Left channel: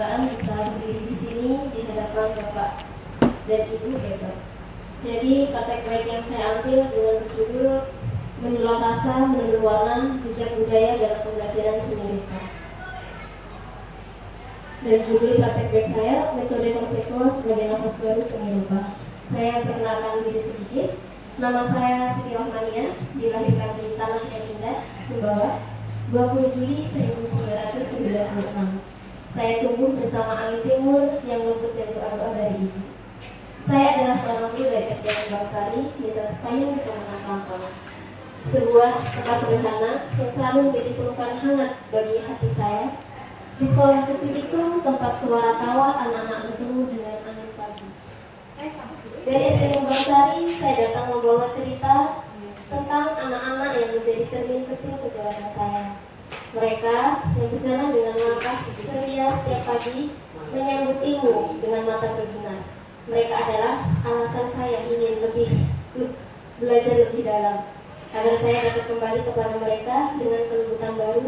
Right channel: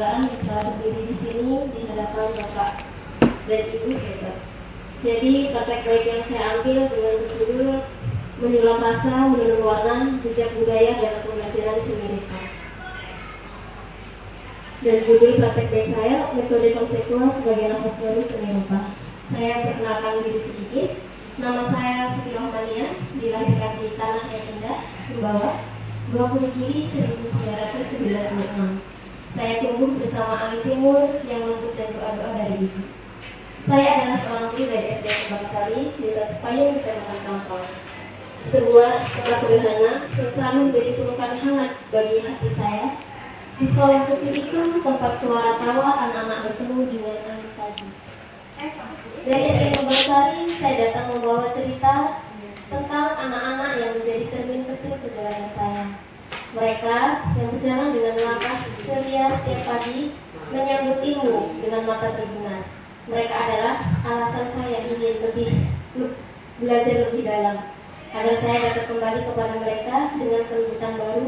bisa berdiri di sini di hadapan Bapak dan Ibu hebat. Jadi praktek baik yang saya ambil dengan berjudul Menyulap Rasa, Menurun Warna, Jejak Budaya dalam Pembelajaran Seni Rupa. Dan judul praktek baik saya, Metode Konseptual sebagai Nafas Baru Seni Rupa. Saya perkenalkan diri sedikit. Nama saya Siti Rohmania, dilahirkan di Tanah yang Indah, Sumbawa, 20 Juli 1996. Saya tumbuh bersama angin timur yang lembut dan doa-doa dari ibu. Saya adalah seorang guru dari SD Kembang Sari, Desa Sepayung, Kecamatan Kampung. Sebuah tempat sederhana yang selalu menjadi pelukan hangat bagi hati saya. Di sekolah kecil itu tempat suara tawa anak-anak bertemu dengan angin pagi. Dari SD Kembang Sari, saya datang membawa cerita tentang anak-anak yang menjadi cermin kecil perjalanan saya. Mereka yang berjalan dengan langkah ceria setiap pagi menyambut ilmu dengan mata berbinar. Mereka adalah alasan saya ingin belajar lebih dalam, agar saya dapat kembali kepada mereka dengan kelembutan baru,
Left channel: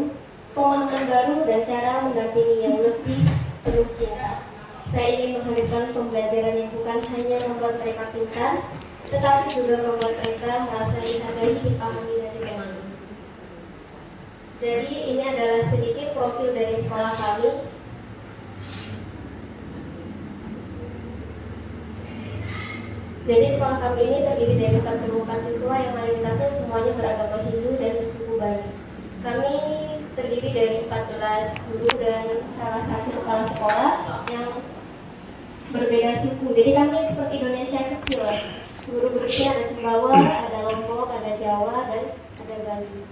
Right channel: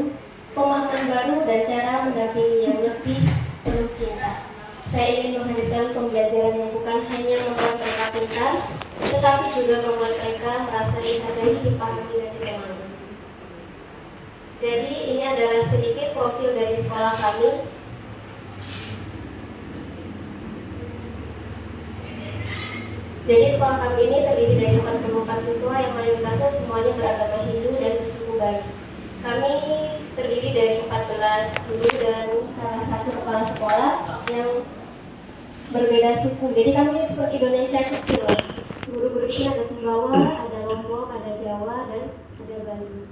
pemahaman baru, dan cara mendampingi yang lebih penuh cinta. Saya ingin menghadirkan pembelajaran yang bukan hanya membuat mereka pintar, tetapi juga membuat mereka merasa dihargai, dipahami, dan ditemani. Jadi ini adalah sedikit profil dari sekolah kami. Jadi sekolah kami ini terdiri dari 44 siswa yang mayoritasnya semuanya beragama Hindu dan bersuku Bali. Kami terdiri dari 14 guru dan salah satu kepala sekolah yang berbeda suku. Jadi kami seperti Indonesia kecil. Guru-gurunya ada Sumbawa, ada Lombok, ada Jawa, dan ada Bali.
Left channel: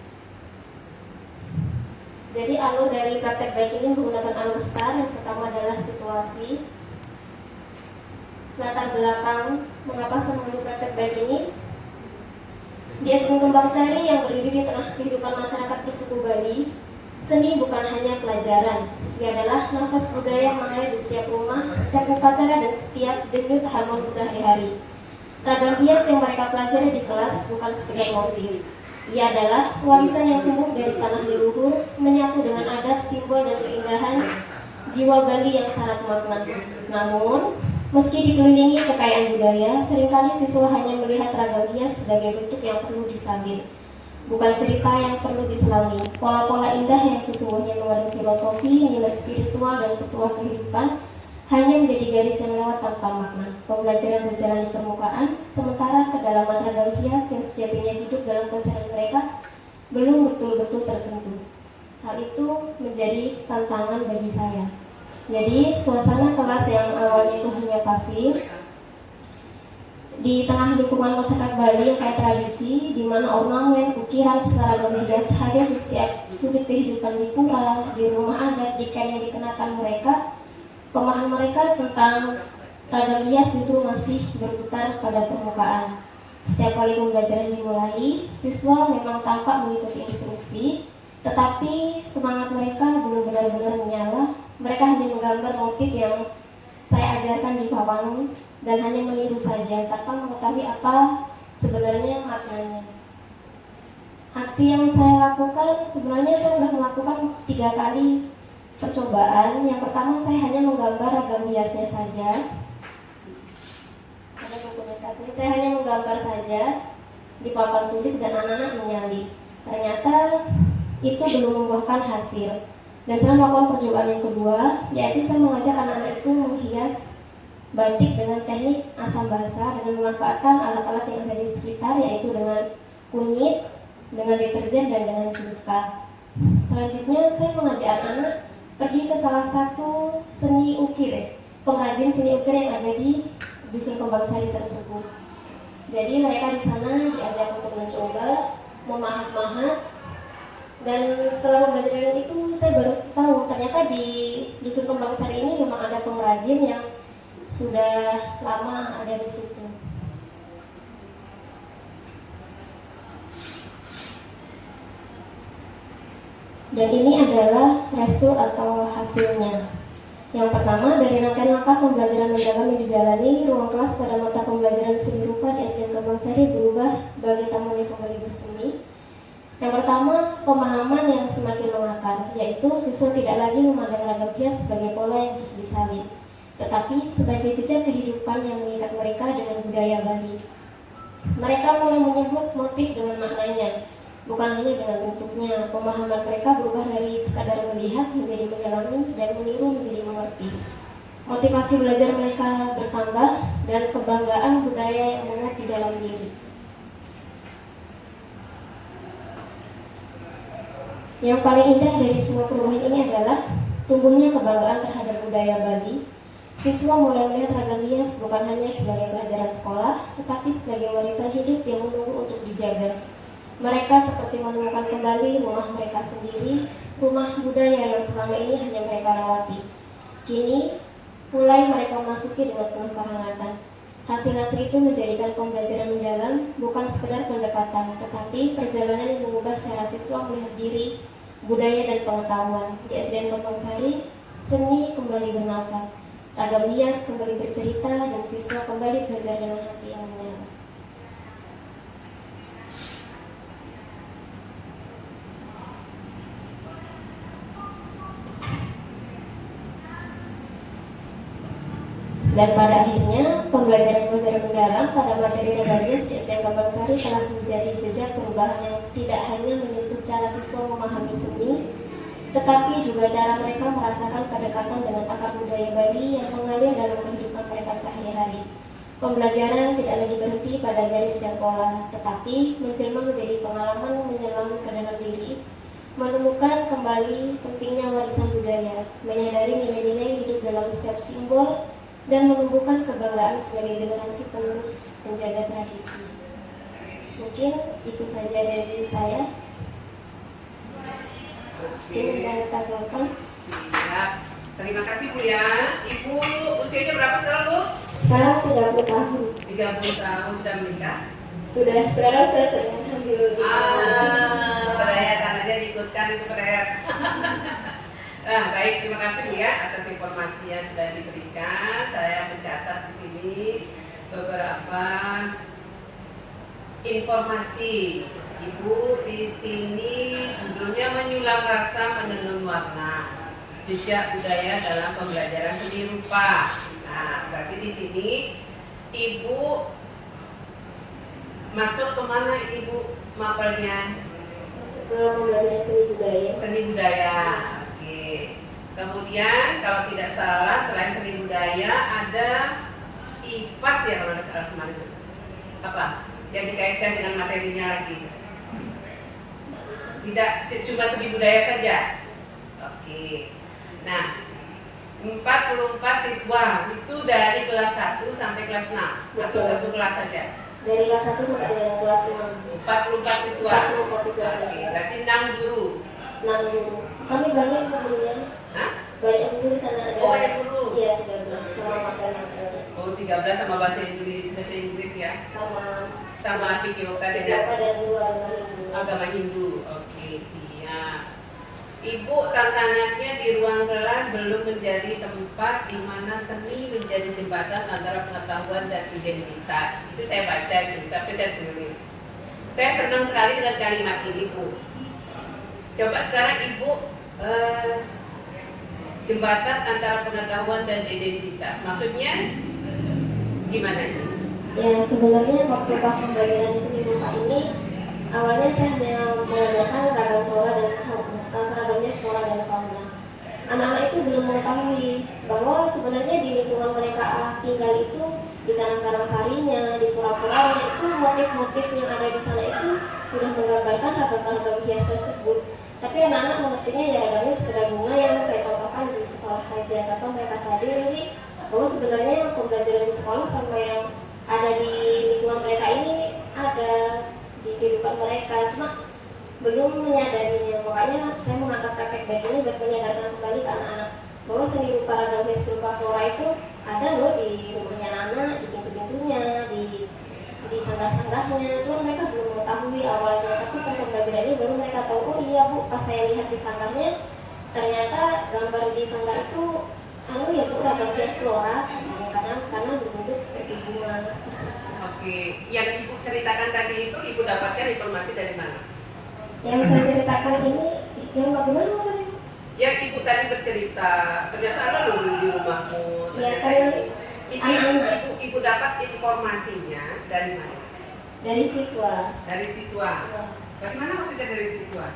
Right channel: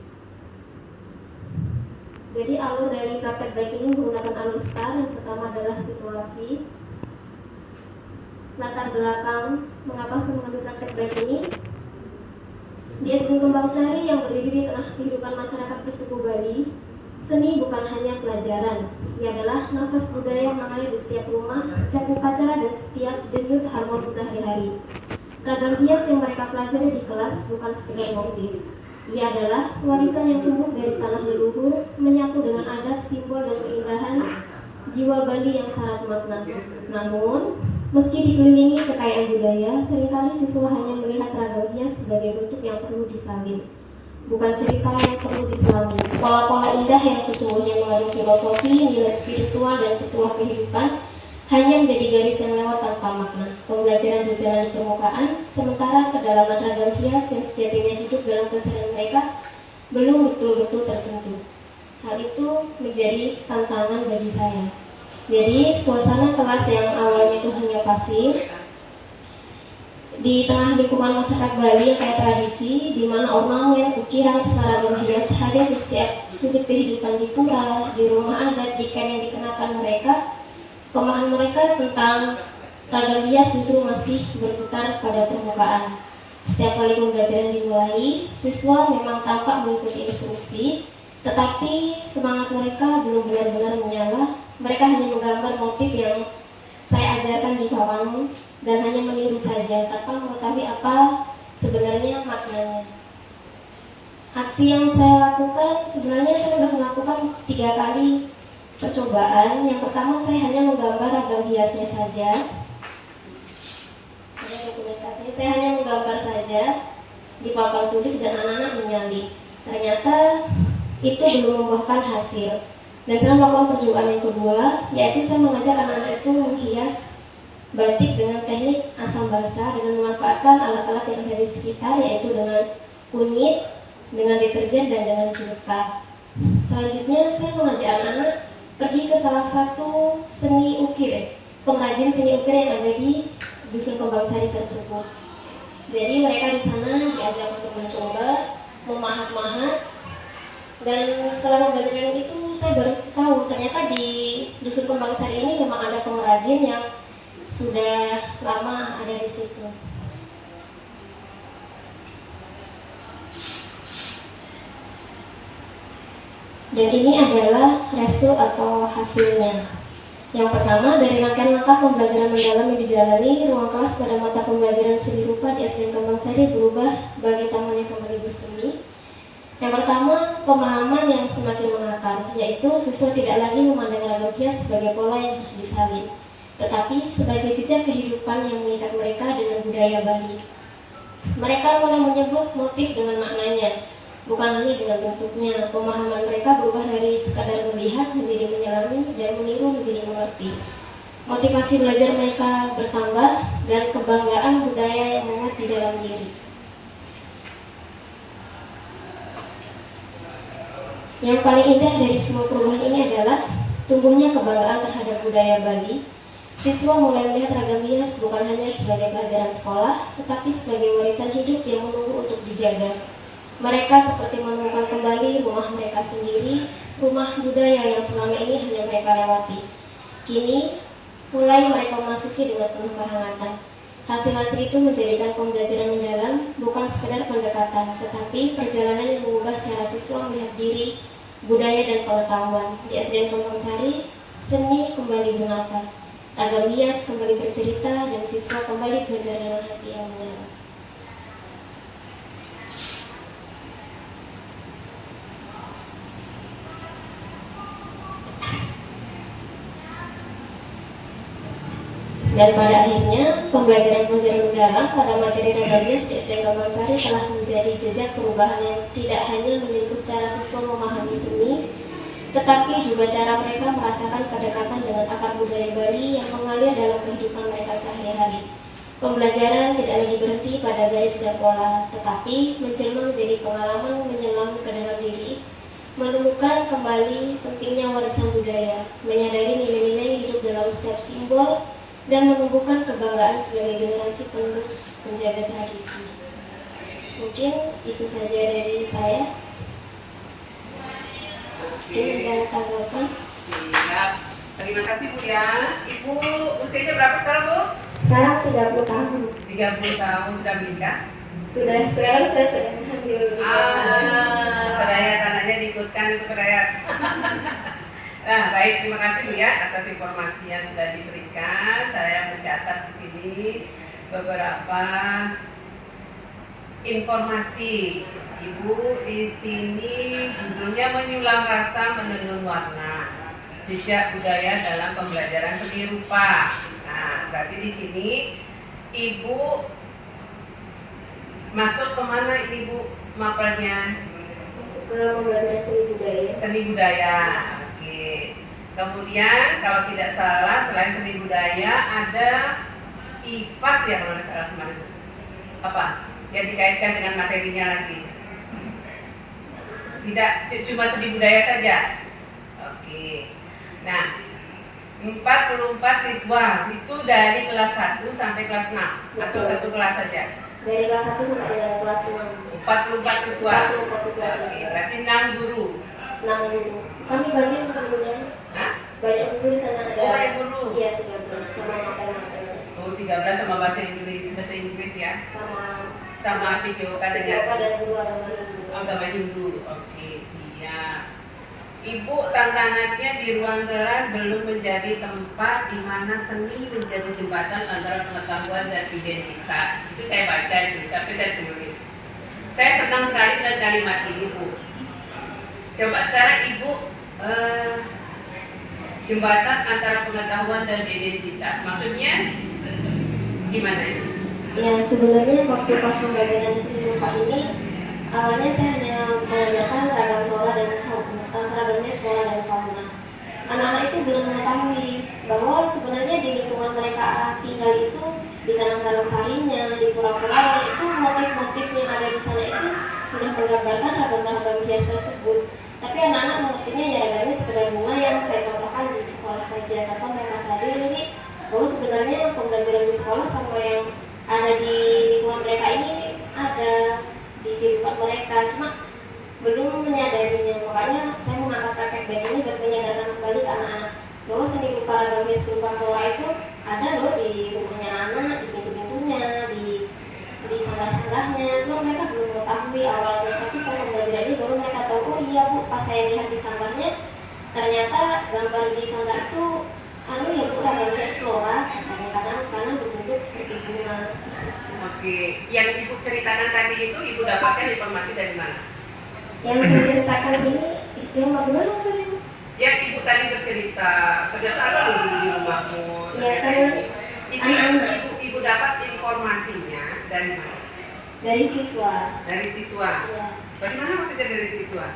Jadi alur dari praktek baik ini menggunakan alur STAR. Yang pertama adalah situasi, latar belakang, mengapa saya mengambil praktek baik ini. Di SD Kembang Sari yang berdiri di tengah kehidupan masyarakat bersuku Bali, seni bukan hanya pelajaran, ia adalah nafas budaya yang mengalir di setiap rumah, setiap upacara, dan setiap denyut harmonis sehari-hari. Ragam hias yang mereka pelajari di kelas bukan sekedar motif. Ia adalah warisan yang tumbuh dari tanah leluhur, menyatu dengan adat, simbol, dan keindahan jiwa Bali yang syarat makna. Namun, meski dikelilingi kekayaan budaya, seringkali siswa hanya melihat ragam hias sebagai bentuk yang perlu disalin, bukan cerita yang perlu diselami. Pola-pola indah yang sesungguhnya mengandung filosofi, nilai spiritual, dan petuah kehidupan hanya menjadi garis yang lewat tanpa makna. Pembelajaran berjalan di permukaan, sementara kedalaman ragam hias yang sejatinya hidup dalam keseharian mereka belum betul-betul tersentuh. Hal itu menjadi tantangan bagi saya. Jadi suasana kelas yang awalnya itu hanya pasif, di tengah lingkungan masyarakat Bali yang kayak tradisi, di mana ornamen, ukiran, serta ragam hias hadir di setiap sudut kehidupan di pura, di rumah adat, di kain yang dikenakan mereka. Pemahaman mereka tentang ragam hias justru masih berputar pada permukaan. Setiap kali pembelajaran dimulai, siswa memang tampak mengikuti instruksi, tetapi semangat mereka belum benar-benar menyala. Mereka hanya menggambar motif yang saya ajarkan di papan dan hanya meniru saja tanpa mengetahui apa sebenarnya maknanya. Aksi yang saya lakukan, sebenarnya saya sudah melakukan 3 kali percobaan. Yang pertama, saya hanya menggambar ragam hiasnya saja. Saya hanya menggambar saja di papan tulis dan anak-anak menyalin. Ternyata itu belum membuahkan hasil. Dan saya melakukan percobaan yang kedua, yaitu saya mengajak anak-anak itu menghias batik dengan teknik asam basah dengan memanfaatkan alat-alat yang ada di sekitar, yaitu dengan kunyit, dengan deterjen, dan dengan cuka. Selanjutnya saya mengajak anak-anak pergi ke salah satu seni ukir, pengrajin seni ukir yang ada di Dusun Kembang Sari tersebut. Jadi mereka di sana diajak untuk mencoba memahat-mahat, dan setelah pembelajaran itu saya baru tahu ternyata di Dusun Kembang Sari ini memang ada pengrajin yang sudah lama ada di situ. Dan ini adalah result atau hasilnya. Yang pertama, dari rangkaian langkah pembelajaran mendalam yang dijalani, ruang kelas pada mata pembelajaran seni rupa di SD Kembang Sari berubah bagi taman yang kembali bersemi. Yang pertama, pemahaman yang semakin mengakar, yaitu siswa tidak lagi memandang ragam hias sebagai pola yang harus disalin, tetapi sebagai jejak kehidupan yang mengikat mereka dengan budaya Bali. Mereka mulai menyebut motif dengan maknanya, bukan hanya dengan bentuknya. Pemahaman mereka berubah dari sekadar melihat menjadi menyelami dan meniru menjadi mengerti. Motivasi belajar mereka bertambah dan kebanggaan budaya yang menguat di dalam diri. Yang paling indah dari semua perubahan ini adalah tumbuhnya kebanggaan terhadap budaya Bali. Siswa mulai melihat ragam hias bukan hanya sebagai pelajaran sekolah, tetapi sebagai warisan hidup yang menunggu untuk dijaga. Mereka seperti menemukan kembali rumah mereka sendiri, rumah budaya yang selama ini hanya mereka lewati. Kini, mulai mereka memasuki dengan penuh kehangatan. Hasil-hasil itu menjadikan pembelajaran mendalam, bukan sekedar pendekatan, tetapi perjalanan yang mengubah cara siswa melihat diri, budaya dan pengetahuan. Di SDN Kembangsari, seni kembali bernafas, ragam hias kembali bercerita, dan siswa kembali belajar dengan hati yang menyala. Dan pada akhirnya, pembelajaran-pembelajaran mendalam pada materi ragam hias di SDN Kembangsari telah menjadi jejak perubahan yang tidak hanya menyentuh cara siswa memahami seni, tetapi juga cara mereka merasakan kedekatan dengan akar budaya Bali yang mengalir dalam kehidupan mereka sehari-hari. Pembelajaran tidak lagi berhenti pada garis dan pola, tetapi menjelma menjadi pengalaman menyelam ke dalam diri, menemukan kembali pentingnya warisan budaya, menyadari nilai-nilai hidup dalam setiap simbol, dan menumbuhkan kebanggaan sebagai generasi penerus penjaga tradisi. Mungkin itu saja dari saya. Ini dari tanggapan. Siap. Terima kasih Bu ya. Ibu usianya berapa sekarang Bu? Sekarang 30 tahun. 30 tahun sudah menikah? Sudah, sekarang saya sedang hamil. Perayaan anaknya diikutkan itu perayaan. Nah, baik, terima kasih Bu ya atas informasi yang sudah diberikan. Saya mencatat di sini beberapa informasi. Ibu di sini judulnya menyulam rasa menenun warna, jejak budaya dalam pembelajaran seni rupa. Nah, berarti di sini Ibu masuk kemana ini Bu mapelnya? Masuk ke pembelajaran seni budaya. Seni budaya. Oke. Kemudian kalau tidak salah selain seni budaya ada IPAS ya kalau tidak salah kemarin itu. Apa? Yang dikaitkan dengan materinya lagi. Tidak cuma seni budaya saja. Oke. Nah, 44 siswa itu dari kelas 1 sampai kelas 6 atau satu kelas saja? Dari kelas 1 sampai dengan kelas 6. 44 siswa. 44 siswa saja. Oke, berarti 6 guru. 6 guru. Kami banyak gurunya. Hah? Banyak guru di sana ada. Oh, banyak guru. Iya, 13 sama materi-materinya. Oh, 13 sama bahasa Inggris ya. Sama PKOK dan guru agama Hindu. Oke, siap. Ibu, tantangannya di ruang kelas belum menjadi tempat di mana seni menjadi jembatan antara pengetahuan dan identitas. Itu saya baca itu, tapi saya tulis. Saya senang sekali dengan kalimat ini, Bu. Coba sekarang Ibu jembatan antara pengetahuan dan identitas. Maksudnya gimana ini? Ya, sebenarnya waktu pas pembelajaran seni rupa ini awalnya saya hanya mengajarkan ragam flora dan ragamnya flora dan fauna. Anak-anak itu belum mengetahui bahwa sebenarnya di lingkungan mereka tinggal itu, di sarang-sarang sarinya, di pura-puranya itu motif-motif yang ada di sana itu sudah menggambarkan ragam-ragam hias tersebut. Tapi anak-anak mengertinya ya ragamnya sekedar bunga yang saya contohkan di sekolah saja, tanpa mereka sadar ini bahwa sebenarnya pembelajaran di sekolah sama yang ada di lingkungan mereka ini ada di kehidupan mereka, cuma belum menyadarinya. Makanya saya mengangkat praktek baik ini buat menyadarkan kembali ke anak-anak bahwa seni rupa ragam hias berupa flora itu ada loh di rumahnya anak, di pintu-pintunya, di sanggah-sanggahnya. Cuma mereka belum mengetahui awalnya, tapi setelah pembelajaran ini baru mereka tahu, oh iya Bu, pas saya lihat di sanggahnya ternyata gambar di sanggah itu ya Bu, ragam hias flora, kadang-kadang karena berbentuk seperti bunga seperti itu. Oke, yang Ibu ceritakan tadi itu Ibu dapatkan informasi dari mana? Yang saya ceritakan ini yang bagaimana maksudnya? Yang ibu tadi bercerita, ternyata ada loh di rumahmu. Iya kan, Ibu dapat informasinya dari mana? dari siswa. Dari siswa. Ya. Bagaimana maksudnya dari siswa?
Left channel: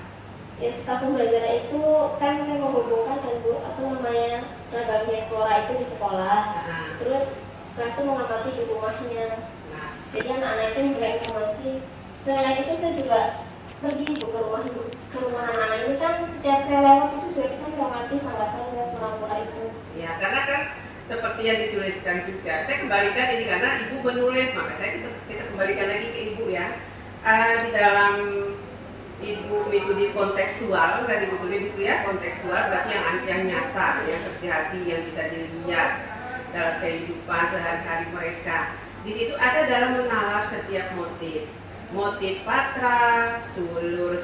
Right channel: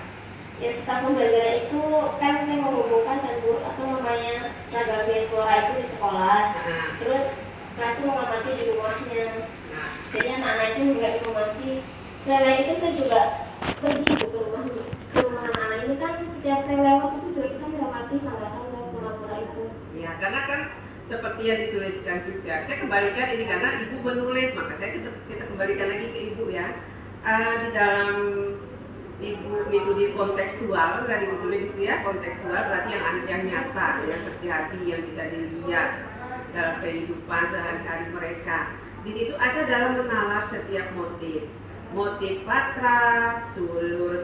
Ya setelah pembelajaran itu kan saya menghubungkan kan Bu, apa namanya, ragam beasiswa itu di sekolah. Nah, Terus setelah itu mengamati di rumahnya. nah, Jadi anak-anak itu memberikan informasi. Selain itu saya juga pergi ke rumah anak-anak ini kan setiap saya lewat itu juga kita mendapati sangga-sangga pura-pura itu. ya karena kan seperti yang dituliskan juga. Saya kembalikan ini karena ibu menulis, maka kita kembalikan lagi ke ibu ya. Di dalam ibu metode kontekstual, tadi ibu tulis itu ya, kontekstual berarti yang nyata, yang terjadi, yang bisa dilihat dalam kehidupan sehari-hari mereka. Di situ ada dalam menalar setiap motif patra, sulur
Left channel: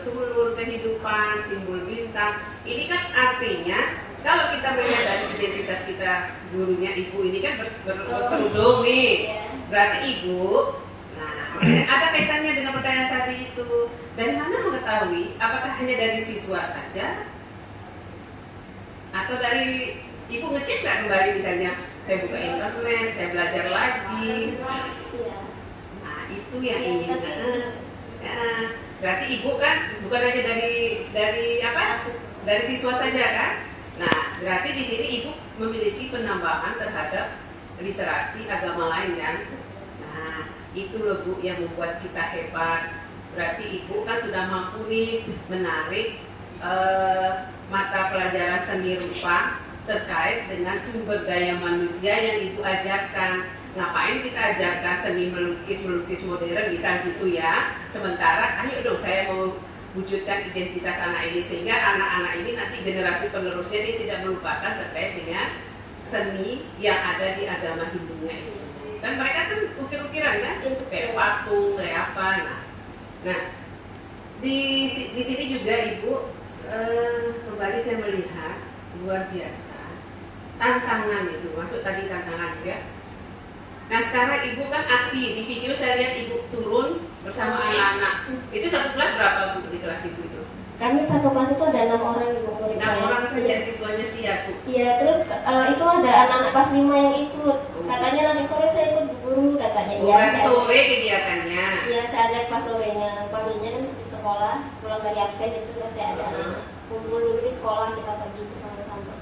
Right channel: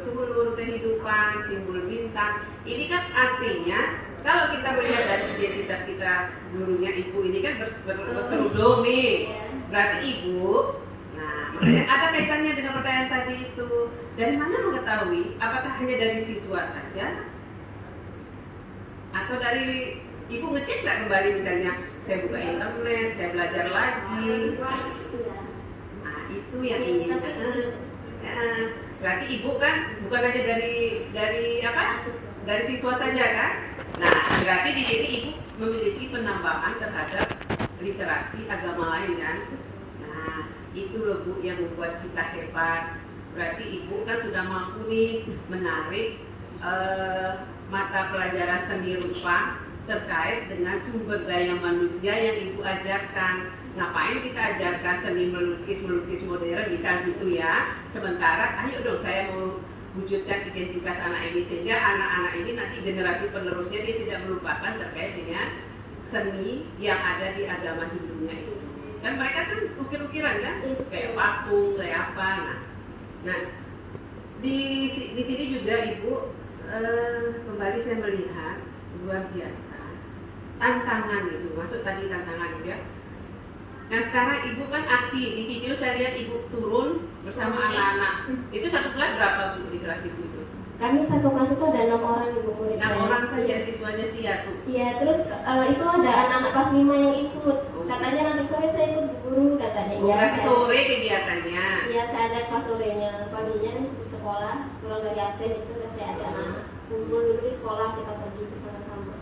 kehidupan, simbol bintang. Ini kan artinya kalau kita melihat dari identitas kita, gurunya ibu ini kan berkerudung nih, berarti ibu. Nah, makanya ada kaitannya dengan pertanyaan tadi itu. Dari mana mengetahui? Apakah hanya dari siswa saja? Atau dari ibu ngecek nggak kembali misalnya? Saya buka internet, saya belajar lagi. Iya. Nah, itu yang ini. Berarti ibu kan bukan hanya dari apa? Dari siswa saja kan? Nah, berarti di sini ibu memiliki penambahan terhadap literasi agama lain kan? Nah, itu loh Bu yang membuat kita hebat. Berarti ibu kan sudah mampu nih menarik mata pelajaran seni rupa terkait dengan sumber daya manusia yang ibu ajarkan. Ngapain kita ajarkan seni melukis modern misal gitu ya. Sementara ayo dong saya mau wujudkan identitas anak ini sehingga anak-anak ini nanti generasi penerusnya dia tidak melupakan terkait dengan seni yang ada di agama Hindunya itu. Dan mereka kan ukir-ukiran kan, kayak patung, kayak apa. Nah, di sini juga ibu kembali saya melihat luar biasa tantangan itu, masuk tadi tantangan ya. Nah sekarang ibu kan aksi di video saya lihat ibu turun bersama anak-anak. Itu satu kelas berapa Bu di kelas ibu itu? Kami satu kelas itu ada 6 orang ibu murid 6 saya. orang saja siswanya sih ya tuh. Iya, terus itu ada anak-anak kelas 5 yang ikut. Katanya nanti sore saya ikut Bu Guru katanya. Iya, saya Sore kegiatannya. Iya, saya ajak pas sorenya. Paginya kan di sekolah, pulang dari absen itu kan saya ajak anak-anak kumpul dulu di sekolah, kita pergi bersama-sama.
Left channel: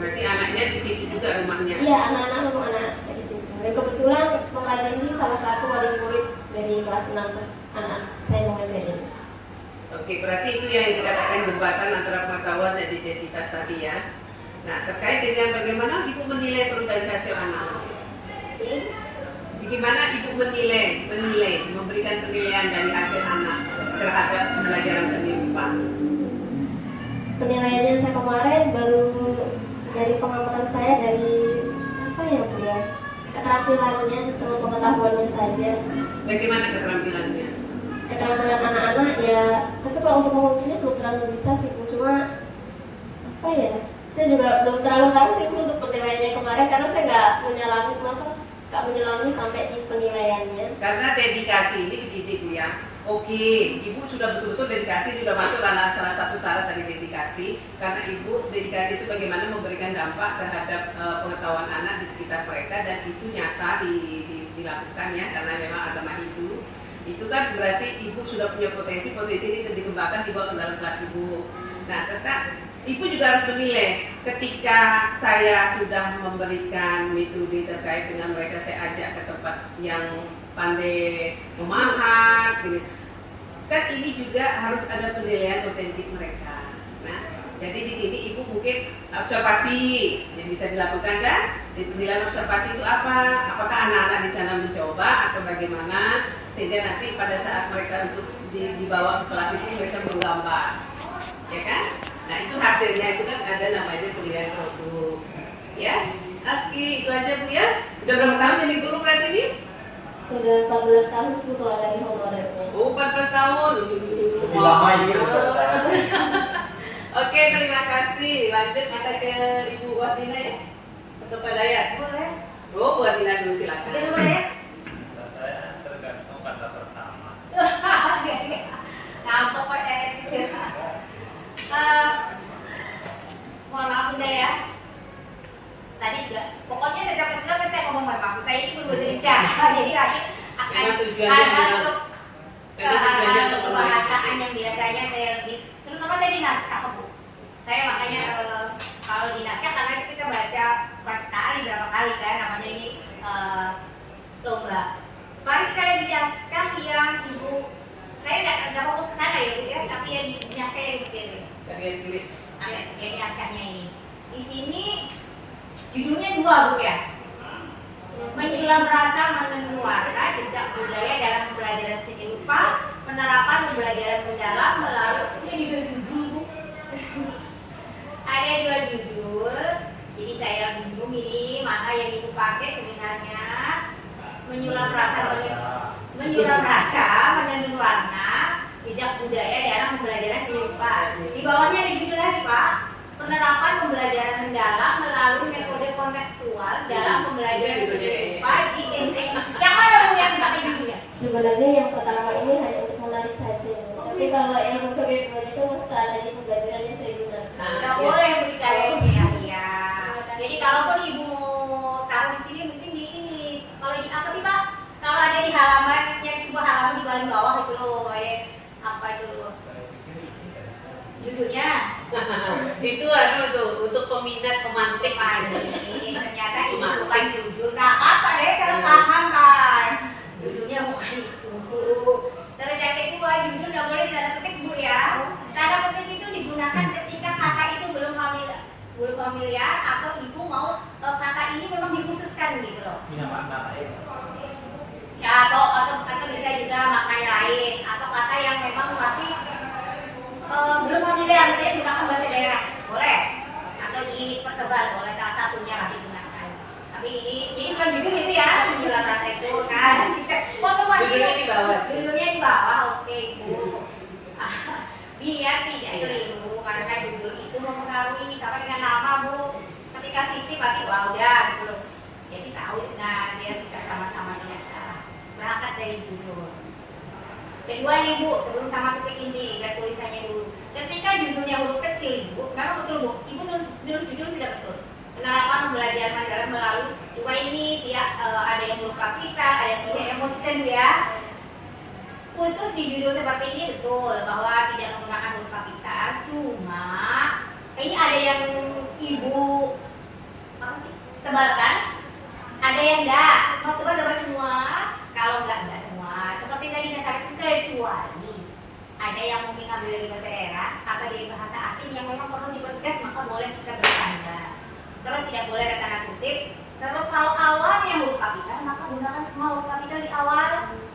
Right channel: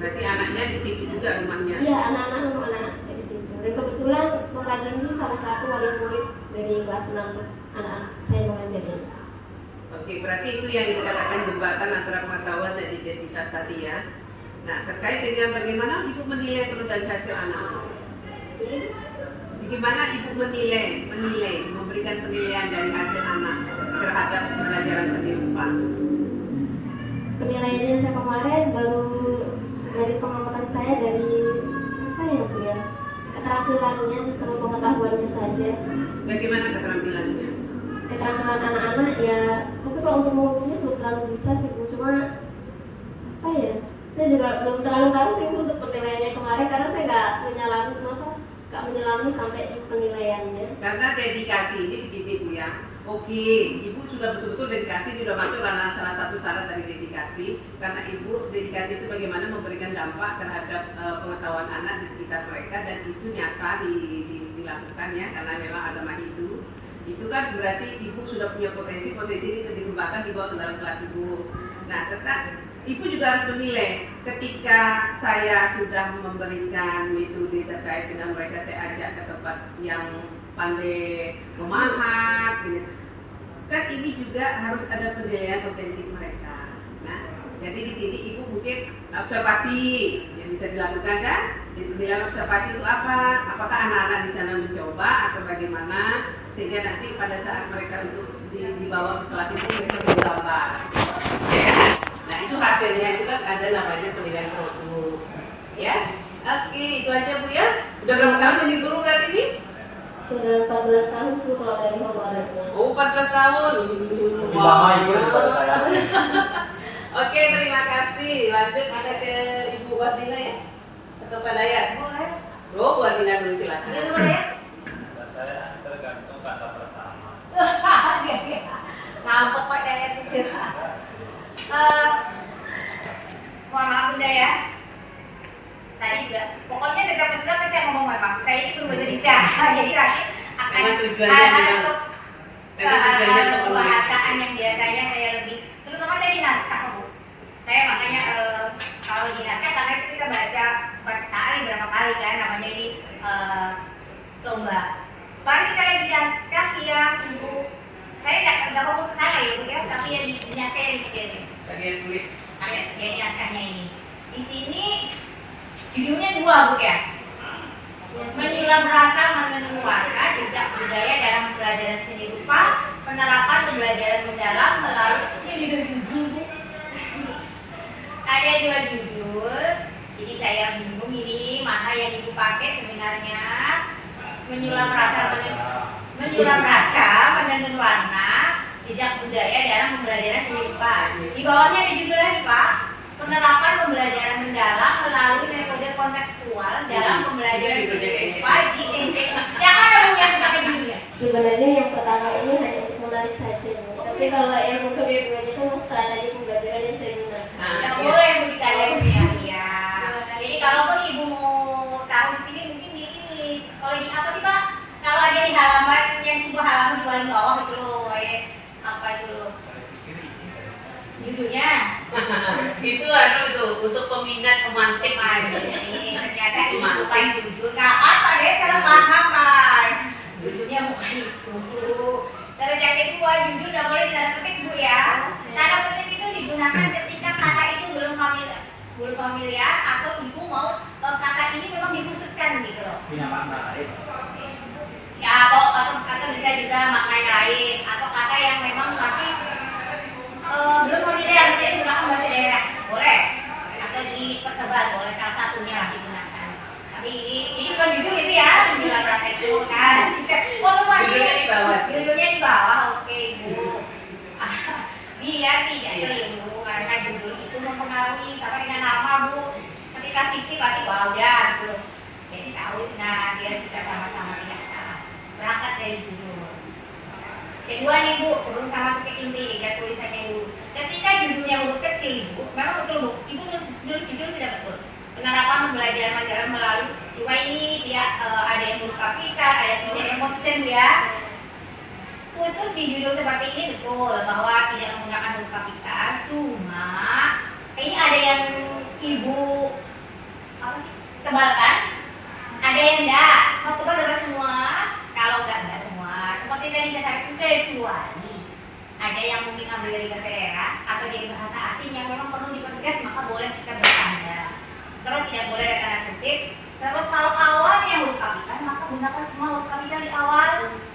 Berarti anaknya di situ juga rumahnya. Iya, anak-anak memang anak dari situ. Dan kebetulan pengrajin ini salah satu wali murid dari kelas 6 tuh, anak saya mengajar ini. Oke, berarti itu yang dikatakan jembatan antara pengetahuan dan identitas tadi ya. Nah, terkait dengan bagaimana ibu menilai produk dari hasil anak. Bagaimana ibu menilai, memberikan penilaian dari hasil anak terhadap pembelajaran seni rupa? Penilaiannya saya kemarin baru dari pengamatan saya dari apa ya Bu ya, keterampilannya sama pengetahuannya saja. Bagaimana keterampilannya? Keterampilan anak-anak ya, tapi kalau untuk mengukirnya belum terlalu bisa sih Bu. Cuma apa ya, saya juga belum terlalu tahu sih Bu untuk penilaiannya kemarin karena saya nggak menyelami sampai di penilaiannya. Karena dedikasi ini begini Bu ya. Oke, ibu sudah betul-betul dedikasi, sudah masuk salah satu syarat dari dedikasi. Karena ibu dedikasi itu bagaimana memberikan dampak terhadap pengetahuan anak di sekitar mereka dan itu nyata dilakukan ya karena memang agama Hindu. Itu kan berarti ibu sudah punya potensi ini dikembangkan dibawa ke dalam kelas ibu. Nah, tetap ibu juga harus menilai ketika saya sudah memberikan metode terkait dengan mereka, saya ajak ke tempat yang pandai memahat gitu. Kan ini juga harus ada penilaian otentik mereka. Nah, jadi di sini ibu mungkin observasi yang bisa dilakukan kan? Di penilaian observasi itu apa? Apakah anak-anak di sana mencoba atau bagaimana? Sehingga nanti pada saat mereka untuk dibawa ke kelas itu mereka menggambar. Ya kan? Nah, itu hasilnya itu kan ada namanya penilaian produk. Ya? Oke, itu aja Bu ya. Sudah berapa tahun jadi guru berarti ini? Sudah 14 tahun sih kalau dari honorernya. Oh, 14 tahun. Lebih lama ibu daripada saya. Oke, terima kasih. Lanjut kita ke Ibu Wardina ya. Atau Pak Dayat. Oh, Bu Wardina dulu silakan. Dan saya tergantung kata pertama. Ngampok kok kayak gitu. Mohon maaf Bunda ya. Tadi juga, pokoknya setiap peserta saya ngomong maaf. Saya ini berbahasa Indonesia, jadi nanti akan Memang tujuannya masuk memang tujuannya untuk pembahasan yang biasanya saya lebih, terutama saya di naskah Bu. Saya makanya kalau di naskah karena itu kita baca bukan sekali berapa kali kan, namanya ini lomba. Baru kita lagi di naskah yang Ibu, saya nggak fokus ke sana ya Bu ya, tapi yang di naskah yang dipikirin. Karya tulis. Karya naskahnya ini. Di sini judulnya dua Bu ya. Menyulam rasa menenun warna, jejak budaya dalam pembelajaran seni rupa, penerapan pembelajaran mendalam melalui ini dua judul. Ada dua judul, jadi saya bingung ini mana yang Ibu pakai sebenarnya. Menyulam rasa menenun warna, jejak budaya dalam pembelajaran seni rupa. Di bawahnya ada judul lagi Pak. Penerapan pembelajaran mendalam melalui metode kontekstual dalam pembelajaran seni rupa di SD. Yang mana Bu yang pakai judulnya? Sebenarnya yang pertama ini hanya untuk menarik saja, Bu. Tapi kalau yang untuk yang kedua itu strategi pembelajaran yang saya gunakan. Tidak boleh Bu dikalian ya. Jadi kalaupun Ibu mau tahu di sini mungkin di ini. Kalau di apa sih Pak? Kalau ada di halaman yang sebuah halaman di paling bawah itu loh kayak apa itu loh? Judulnya Itu tuh untuk peminat pemantik aja. Ternyata ini bukan judul. Nggak apa deh, cara paham kan. Judulnya bukan itu. Terus yang kedua judul nggak boleh ditanda petik Bu ya. Tanda petik itu digunakan ketika kata itu belum familiar atau Ibu mau kata ini memang dikhususkan gitu loh. Punya makna lain. Ya atau bisa juga maknanya lain atau kata yang memang masih belum familiar, saya gunakan bahasa daerah boleh atau dipertebal boleh, salah satunya lah digunakan. Tapi ini bukan judul itu ya, judul rasa itu kan. Judulnya di bawah. Judulnya di bawah, oke Bu. Biar tidak keliru karena judul itu mempengaruhi sama dengan nama Bu. Ketika Siti pasti wah udah gitu. Jadi tahu, nah biar kita sama-sama tidak salah. Berangkat dari judul. Kedua nih Bu, sebelum sama seperti inti, lihat tulisannya dulu. Ketika judulnya huruf kecil Bu, memang betul Bu, Ibu nulis judul sudah betul. Penerapan pembelajaran mendalam melalui, coba ini ada yang huruf kapital, ada yang tidak, yang konsisten Bu ya. Khusus di judul seperti ini betul bahwa tidak menggunakan huruf kapital, cuma ini ada yang Ibu apa sih tebalkan, ada yang enggak. Kalau tebal semua, kalau enggak semua. Seperti tadi saya sampaikan, kecuali ada yang mungkin ambil dari bahasa daerah atau dari bahasa asing yang memang perlu dipertegas, maka boleh kita bertanda. Terus tidak boleh ada tanda kutip. Terus kalau awalnya huruf kapital, maka gunakan semua huruf kapital di awal,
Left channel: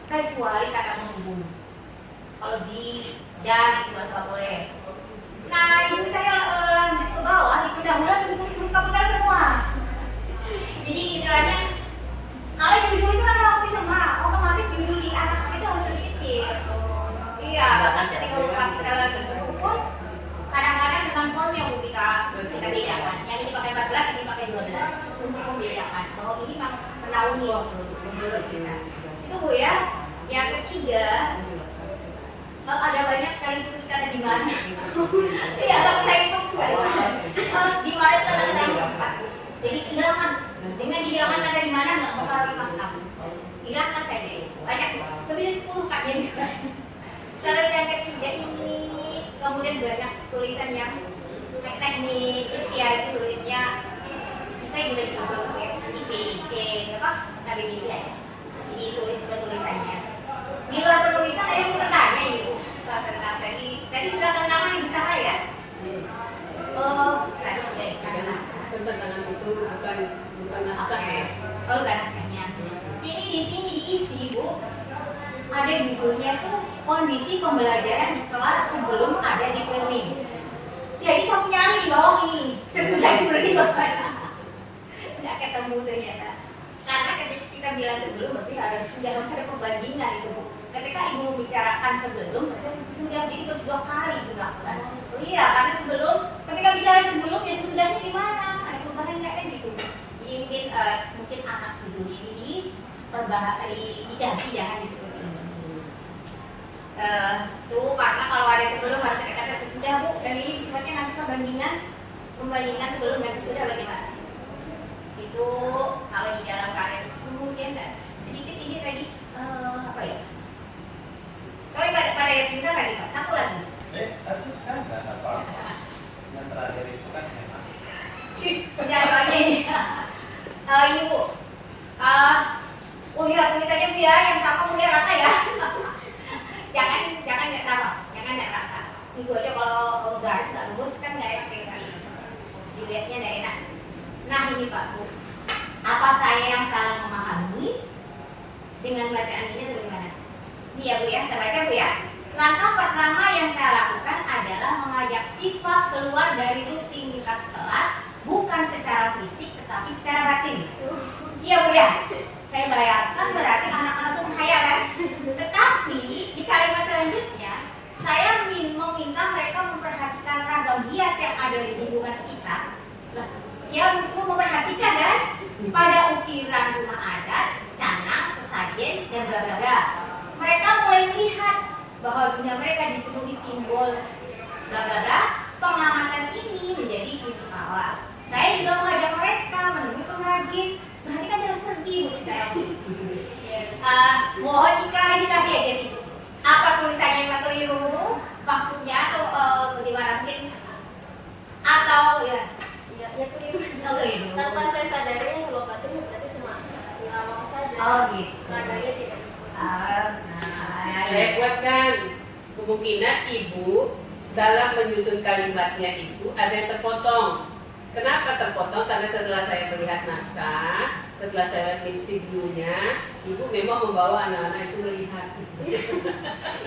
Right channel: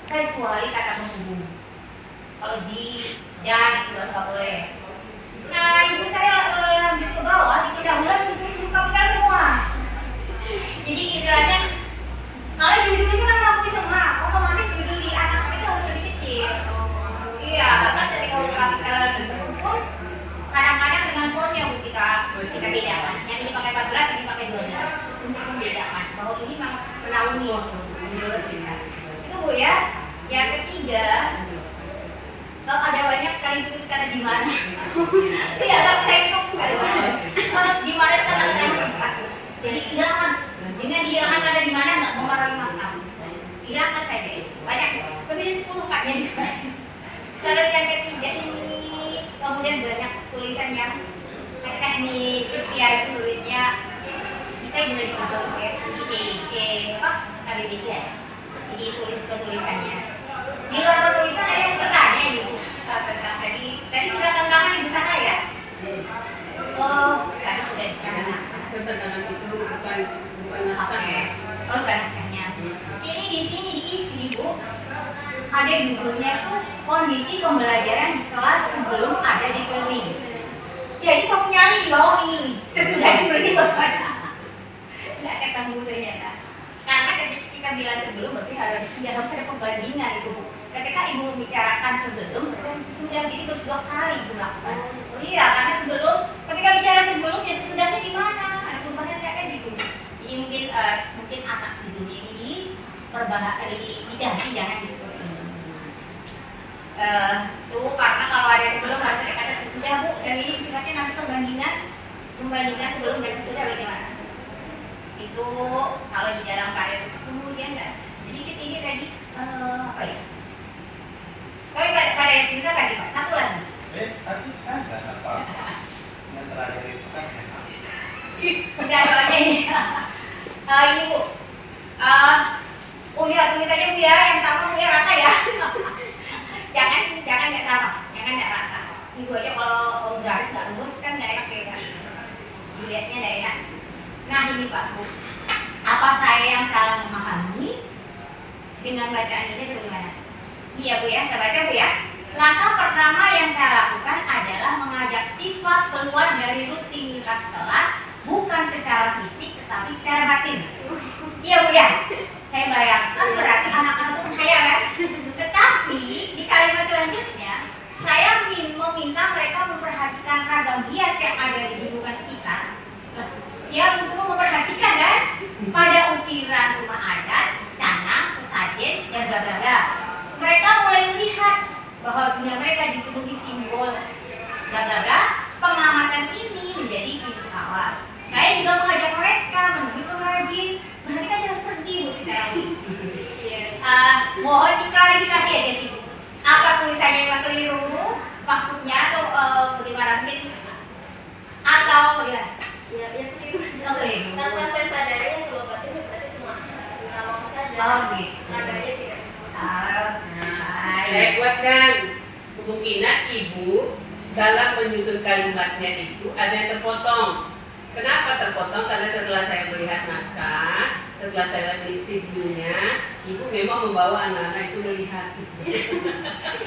kecuali kata menghubung. Kalau di dan itu nggak boleh. Nah Ibu saya lanjut ke bawah, di pendahuluan Ibu tulis huruf kapital semua. Jadi istilahnya kalau judul itu kan melakukan semua, otomatis judul di anak itu harus lebih kecil. Iya, bahkan ketika huruf kapital di hukum, kadang-kadang dengan fontnya ketika kita bedakan. Yang ini pakai 14, ini pakai 12 untuk membedakan bahwa ini memang terlalu itu Bu ya. Yang ketiga, ada banyak sekali tulis kata di mana. Tidak sampai saya di mana kata-kata. Jadi hilangkan. Dengan dihilangkan kata di mana nggak mempengaruhi makna. Hilangkan saja itu. Banyak lebih dari 10 katanya di sana. Terus yang ketiga ini kemudian banyak tulisan yang teknik ikhtiar itu tulisnya bisa juga di Google ya. Apa? KBBI ya. Ini tulisannya. Di luar penulisan ada yang setanya Ibu. Tadi sudah tantangan Ibu sana ya. Sekarang sudah Tantangan itu bukan naskah ya. Oh, bukan naskahnya. Jadi di sini diisi Bu. Ada judulnya tuh kondisi pembelajaran di kelas sebelum ada di learning. Jadi sok nyari di bawah ini sesudah di learning bahkan nggak ketemu ternyata. Karena ketika kita bilang sebelum berarti sudah harus ada perbandingan itu Bu. Ketika Ibu membicarakan sebelum, sudah jadi terus 2 kali dilakukan. Oh iya, karena sebelum, ketika bicara sebelum ya sesudahnya di mana? Ada perubahan nggak kan gitu? Jadi mungkin anak judulnya ini diganti jangan di seperti ini. Tuh karena kalau ada sebelum harus ada kata sesudah Bu, dan ini sifatnya nanti pembandingan sebelum dan sesudah bagaimana? Itu kalau di dalam karya itu kemudian sedikit ini tadi apa ya? Sorry pada yang sebentar tadi Pak, satu lagi. Habis kan nggak apa-apa. Yang terakhir itu kan memang. Udah soalnya ini. Ini Bu. Lihat tulisannya Bu ya, yang sama Bu ya rata ya. jangan nggak sama, jangan nggak rata. Ibu aja kalau garis nggak lurus kan nggak enak ya. Dilihatnya nggak enak. Nah ini Pak Bu, apa saya yang salah memahami dengan bacaan ini atau bagaimana? Iya Bu ya, saya baca Bu ya. Langkah pertama yang saya lakukan adalah mengajak siswa keluar dari rutinitas kelas, bukan secara fisik tetapi secara batin. Iya Bu ya, saya bayangkan berarti anak-anak itu kaya kan? Tetapi di kalimat selanjutnya saya meminta mereka memperhatikan ragam hias yang ada di lingkungan sekitar. Siapa semua memperhatikan kan? Pada ukiran rumah adat, canang, sesajen, dan bla bla bla. Mereka mulai melihat bahwa dunia mereka dipenuhi simbol bla bla bla. Pengamatan ini menjadi pintu awal. Saya juga mengajak mereka menemui pengrajin. Berarti kan jelas pergi Bu secara fisik. Mohon diklarifikasi aja sih Bu. Apa tulisannya yang keliru? Maksudnya atau bagaimana mungkin? Atau bagaimana? Ya keliru. Keliru. Tanpa saya sadari yang keluar batin berarti cuma ngomong saja. Oh gitu. Nadanya tidak. Saya kuatkan kemungkinan ibu dalam menyusun kalimatnya itu ada yang terpotong. Kenapa terpotong? Karena setelah saya melihat naskah, setelah saya lihat videonya, ibu memang membawa anak-anak itu melihat.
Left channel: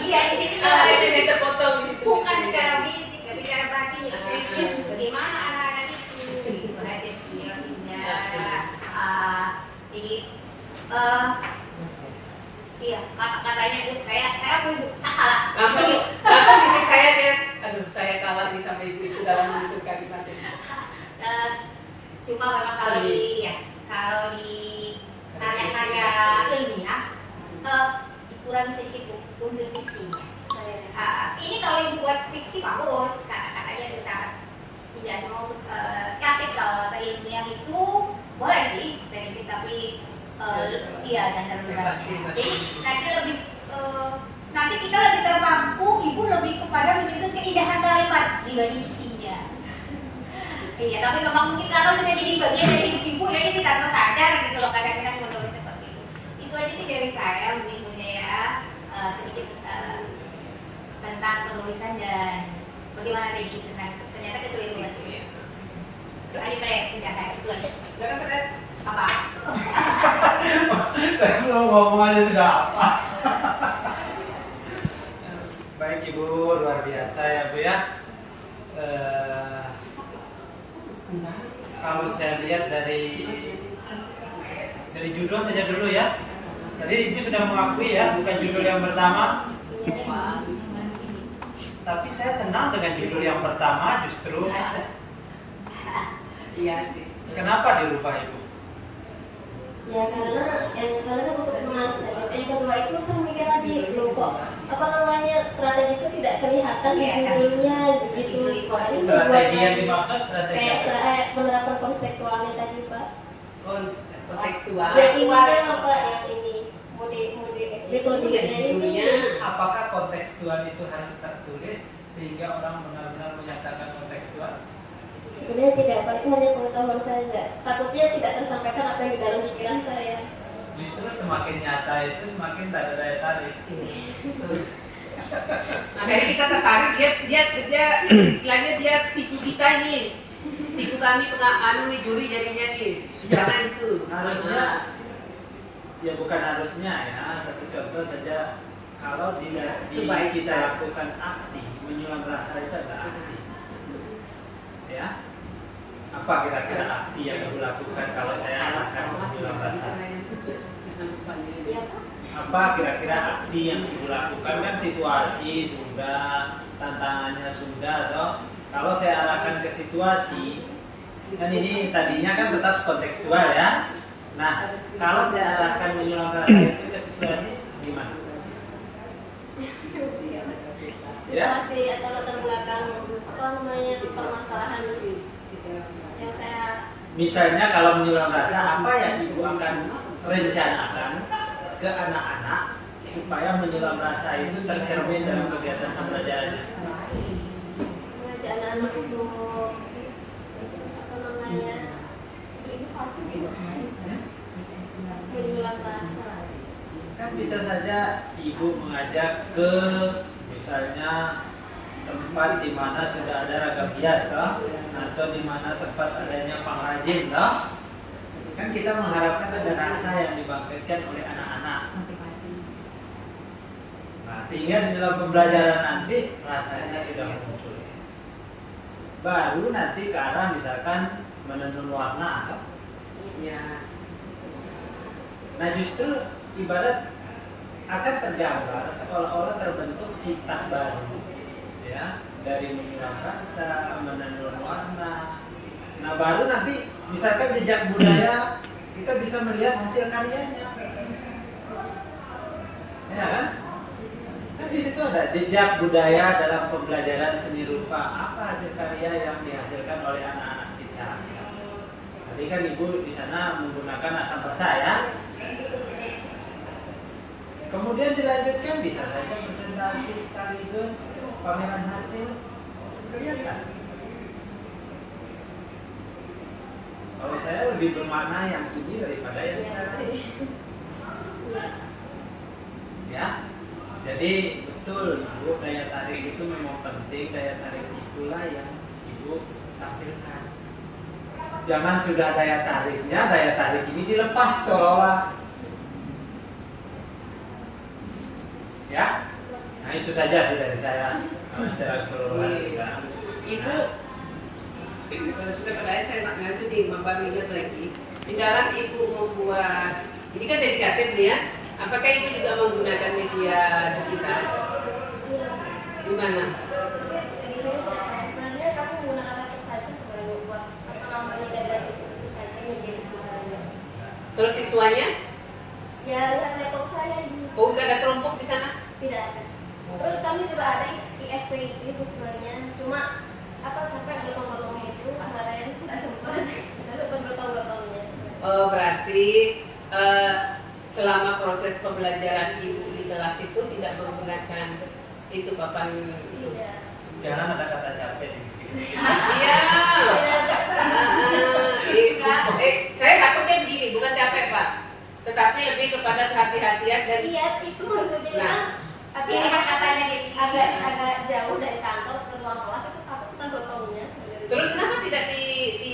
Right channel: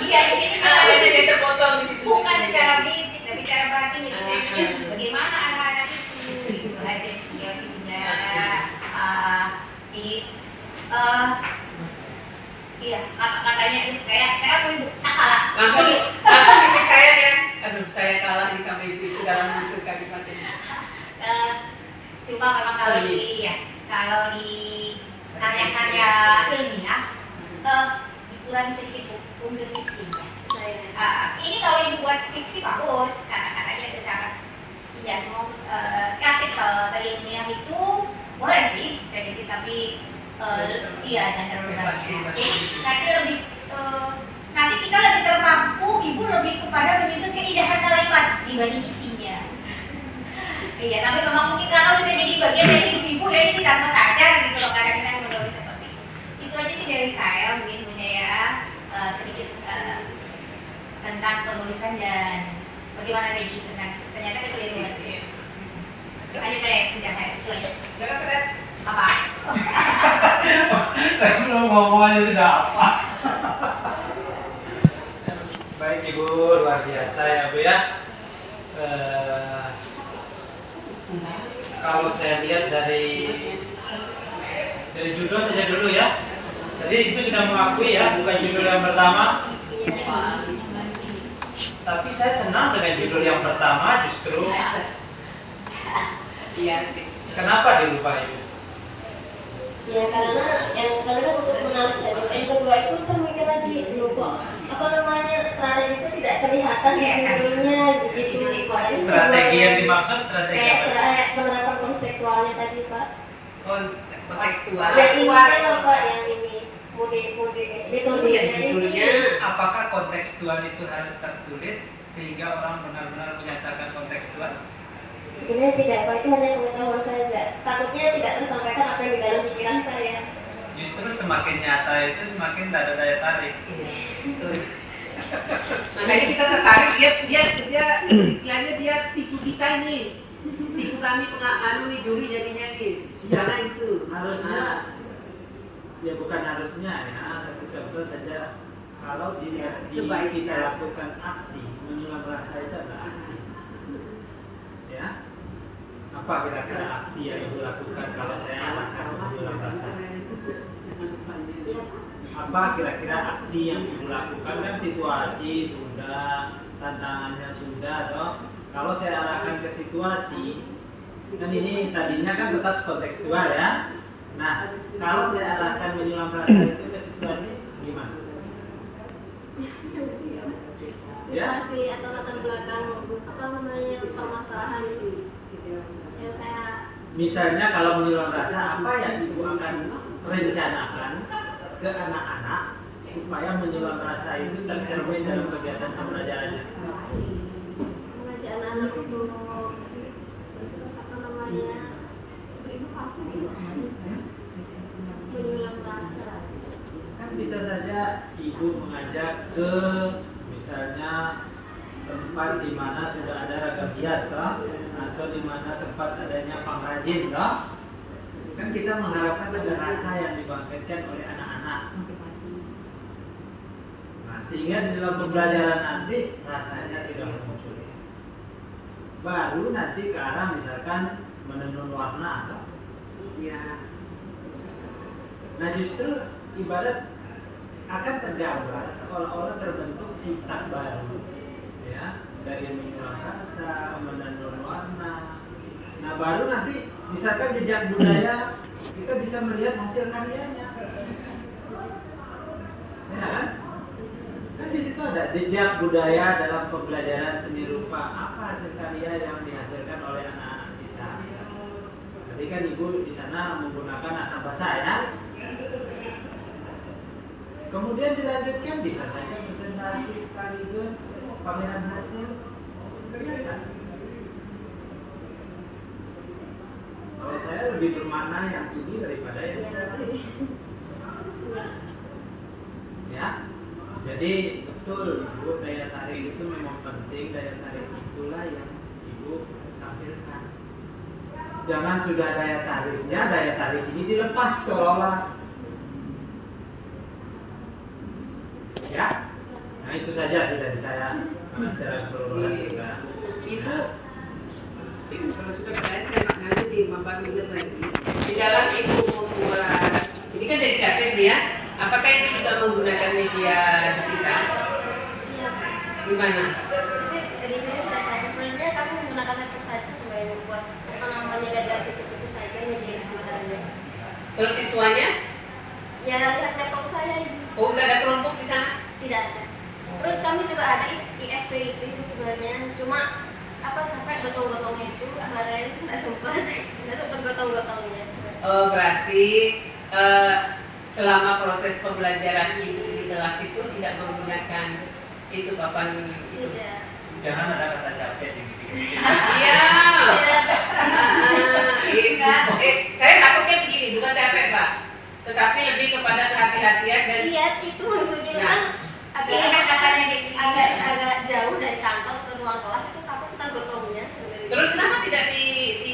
Iya di sini Ada yang terpotong di situ. bukan secara fisik tapi secara batin ya. Saya pikir bagaimana anak-anak itu ada video sehingga ini iya kata-katanya itu saya aku Ibu salah. Langsung bisik saya ya. Aduh, saya kalah nih sama ibu itu dalam menyusun kalimat ini. Cuma memang kalau di karya-karya ilmiah dikurangi sedikit tuh unsur fiksinya. Ini kalau ibu buat fiksi bagus, kata-katanya itu sangat tidak mau kreatif. Kalau tadi ilmiah itu boleh sih sedikit tapi iya dan terlalu banyak. Jadi nanti lebih nanti kita lebih termampu, ibu lebih kepada menyusun keindahan kalimat dibanding isinya. Iya, tapi memang mungkin karena sudah jadi bagian dari hidup ibu ya, ini tanpa sadar gitu loh kadang-kadang menulis seperti itu. Itu aja sih dari saya mungkin Bunda ya, sedikit tentang penulisan dan bagaimana tadi tentang ternyata kekeliruan. Itu aja keren, udah kayak itu aja. Jangan keren. Apa? Saya belum ngomong aja sudah apa. Baik Ibu, luar biasa ya Bu ya. Kalau saya lihat dari judul saja dulu ya. Tadi Ibu sudah mengakui ya, bukan judul yang pertama. Tapi saya senang dengan judul yang pertama justru. Iya sih. Kenapa dirubah Ibu? Ya karena untuk menarik saja. Yang kedua itu saya mikir lagi dulu kok apa namanya strategi tidak kelihatan di judulnya begitu. Strategi yang dimaksud strategi kayak penerapan konseptualnya tadi Pak. Kontekstual. Yang ini kan apa yang ini metodenya ini. Apakah kontekstual itu harus tertulis sehingga orang benar-benar menyatakan kontekstual? Sebenarnya tidak Pak, itu hanya pengetahuan saja. Takutnya tidak tersampaikan apa yang di dalam pikiran saya. Justru semakin nyata itu semakin tak ada daya tarik. Makanya kita tertarik, dia istilahnya dia tipu kita ini, tipu kami nih juri jadinya nih, karena itu Harusnya, ya bukan harusnya ya. Satu contoh saja, kalau Sebaik kita lakukan aksi menyulam rasa itu adalah aksi. Ya, apa kira-kira aksi yang dilakukan kalau saya akan menyulam rasa? Apa kira-kira aksi yang ibu lakukan? Kan situasi sudah, tantangannya sudah, atau kalau saya arahkan ke situasi, kan ini tadinya kan tetap kontekstual ya. Nah, kalau saya arahkan menyulam rasa itu ke situasi gimana? Ya. Situasi atau latar belakang apa namanya permasalahan yang saya Misalnya kalau menyulam rasa, apa yang ibu akan rencanakan ke anak-anak supaya menyulam rasa itu tercermin dalam kegiatan pembelajarannya? mengajak anak-anak untuk apa namanya berinovasi gitu, menyulam rasa. Kan bisa saja ibu mengajak ke misalnya tempat di mana sudah ada ragam hias toh, atau di mana tempat adanya pengrajin toh. Kan kita mengharapkan ada rasa yang dibangkitkan oleh anak-anak. Nah, sehingga di dalam pembelajaran nanti rasanya sudah muncul. Baru nanti ke arah misalkan menenun warna toh. Ya. Nah, justru ibarat akan tergambar seolah-olah terbentuk sifat baru, ya, dari menyulam rasa, menenun warna. Nah, baru nanti misalkan jejak budaya kita bisa melihat hasil karyanya, ya kan? Kan di situ ada jejak budaya dalam pembelajaran seni rupa. Apa hasil karya yang dihasilkan oleh anak-anak kita? Tadi kan ibu di sana menggunakan asam basa ya. Kemudian dilanjutkan bisa saja presentasi sekaligus pameran hasil, kelihatan. Kalau saya lebih bermakna yang ini daripada yang Iya, tadi. iya. Ya, jadi betul ibu, daya tarik itu memang penting. Daya tarik itulah yang ibu tampilkan. Jangan sudah daya tariknya, daya tarik ini dilepas seolah. Ya, nah itu saja sih dari saya secara keseluruhan sudah. Ibu, kalau sudah bertanya nanti dimambang lihat lagi. Di dalam ibu membuat, ini kan dari kaset nih ya. Apakah itu juga menggunakan media digital? Iya. Gimana? Jadi sebenarnya kamu menggunakan laptop saja sebagai membuat apa namanya data itu saja media digitalnya. Terus siswanya? Ya lihat laptop saya ini. Oh, udah ada kelompok di sana? Tidak ada. Terus kami juga ada IFP itu sebenarnya, cuma apa sampai gotong-gotongnya itu kemarin nggak sempat gotong-gotongnya. Oh, berarti selama proses pembelajaran ibu di kelas itu tidak menggunakan itu papan itu. Tidak. Jangan ada kata capek di gitu. Iya. Tidak. Saya takutnya begini, bukan capek Pak, tetapi lebih kepada kehati-hatian dan Iya, itu maksudnya kan Ini kan katanya agak jauh dari kantor ke ruang kelas itu takut kita gotongnya sebenarnya. terus kenapa tidak di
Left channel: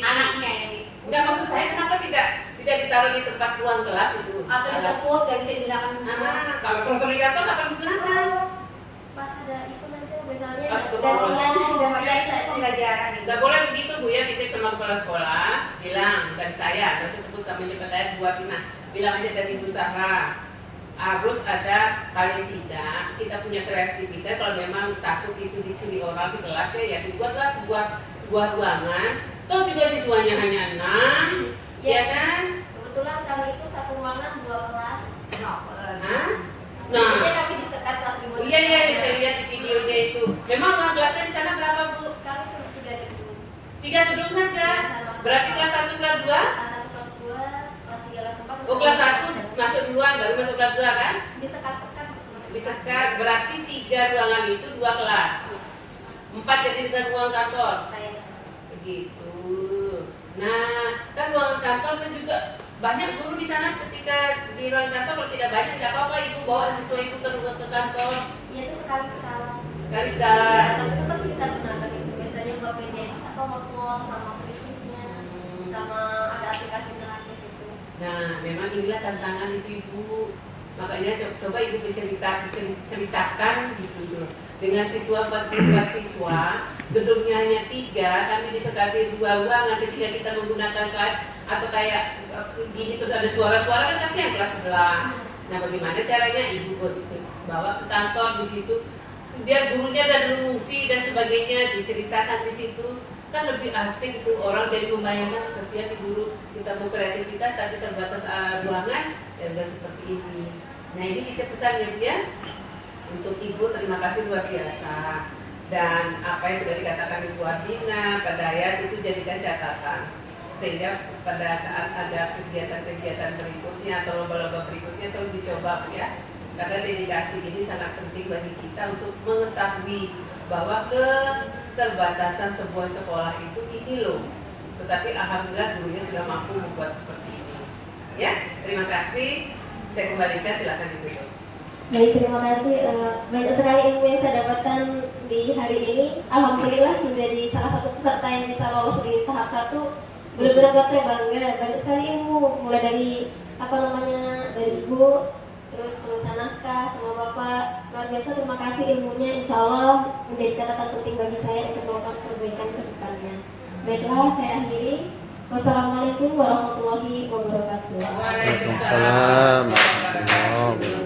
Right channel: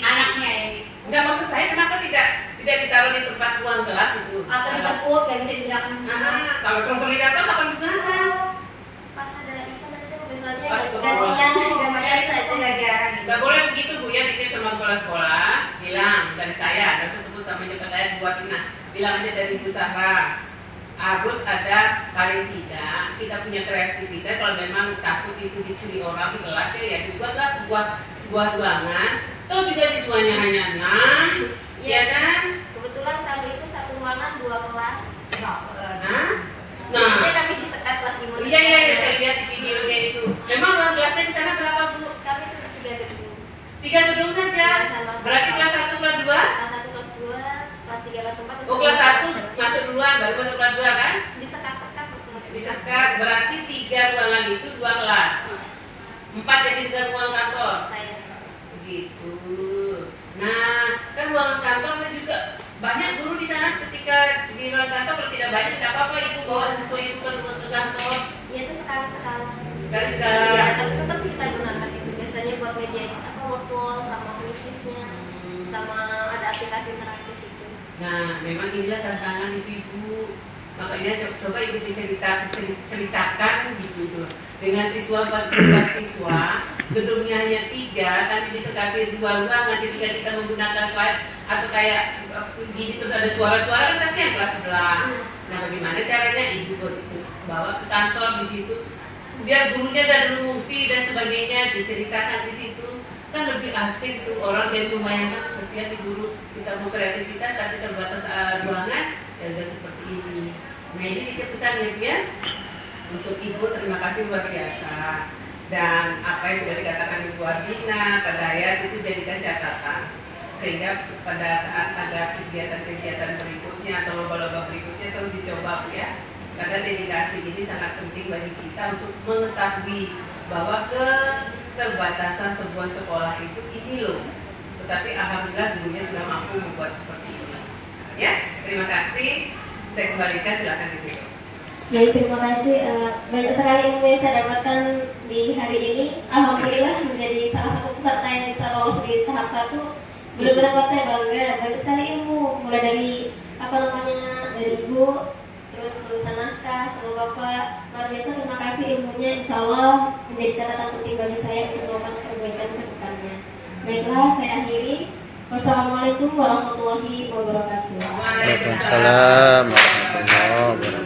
anaknya yang enggak, maksud saya kenapa tidak ditaruh di tempat ruang kelas itu? atau di perpus dan bisa digunakan Kalau terus didaftar kapan digunakan? Pas ada event aja misalnya Astagfirullah. gantian saja. pembelajaran itu. Nggak boleh begitu Bu ya, titip sama kepala sekolah, bilang dari saya, nggak usah sebut sama Jepang buat Ina, bilang aja dari Bu Sarah. Harus ada paling tidak kita punya kreativitas. Kalau memang takut itu dicuri orang di kelas ya dibuatlah sebuah ruangan. Toh juga siswanya hanya 6, ya kan? Kebetulan kami itu satu ruangan 2 kelas. Hah? Nah, Nah, kami disekat kelas 5. iya saya lihat di videonya itu. Memang ruang kelasnya di sana berapa Bu? Kami cuma 3 gedung. 3 gedung saja. Berarti kelas 1, kelas 2? Kelas 1, kelas 2, kelas 3, kelas 4. Oh, kelas 1 masuk duluan, baru masuk kelas 2 kan? disekat-sekat. Disekat, berarti 3 ruangan itu 2 kelas. 4 jadi dengan ruang kantor. Saya. Begitu. Nah, kan ruangan kantor kan juga banyak guru di sana. Ketika di ruang kantor kalau tidak banyak tidak apa-apa, ibu bawa siswa ibu ke ruang ke kantor Ya itu sekali-sekala. sekali-sekala. Ya, tapi tetap sih kita gunakan itu. Biasanya buat media apa workflow sama krisisnya, sama ada aplikasi interaktif itu. Nah, memang inilah tantangan ibu-ibu. Makanya coba ibu ceritakan gitu dengan siswa 44 siswa, gedungnya hanya 3, kami disekati 2 ruangan. Ketika kita menggunakan slide atau kayak gini terus ada suara-suara kan kasihan kelas sebelah. Nah, bagaimana caranya ibu begitu bawa ke kantor di situ, biar gurunya dan ngungsi dan sebagainya diceritakan di situ, kan lebih asik tuh orang dari membayangkan kasihan di guru kita mau kreativitas tapi terbatas ruangan ya udah seperti ini. Nah ini kita pesannya ya Untuk Ibu terima kasih luar biasa. Dan apa yang sudah dikatakan Ibu Ardina, Pak Dayat itu jadikan catatan. Sehingga pada saat ada kegiatan-kegiatan berikutnya atau lomba-lomba berikutnya terus dicoba Bu ya. Karena dedikasi ini sangat penting bagi kita untuk mengetahui bahwa keterbatasan sebuah sekolah itu ini loh. Tetapi alhamdulillah gurunya sudah mampu membuat seperti ini. Ya, terima kasih. Saya kembalikan, silakan ditutup. Baik, terima kasih. Banyak sekali ilmu yang saya dapatkan di hari ini. Alhamdulillah menjadi salah satu peserta yang bisa lolos di tahap 1. Benar-benar buat saya bangga. Banyak sekali ilmu, mulai dari dari Ibu, terus penulisan naskah sama Bapak. Luar biasa, terima kasih ilmunya. Insya Allah menjadi catatan penting bagi saya untuk melakukan perbaikan ke depannya. Baiklah, saya akhiri. Wassalamualaikum warahmatullahi wabarakatuh. Waalaikumsalam warahmatullahi wabarakatuh.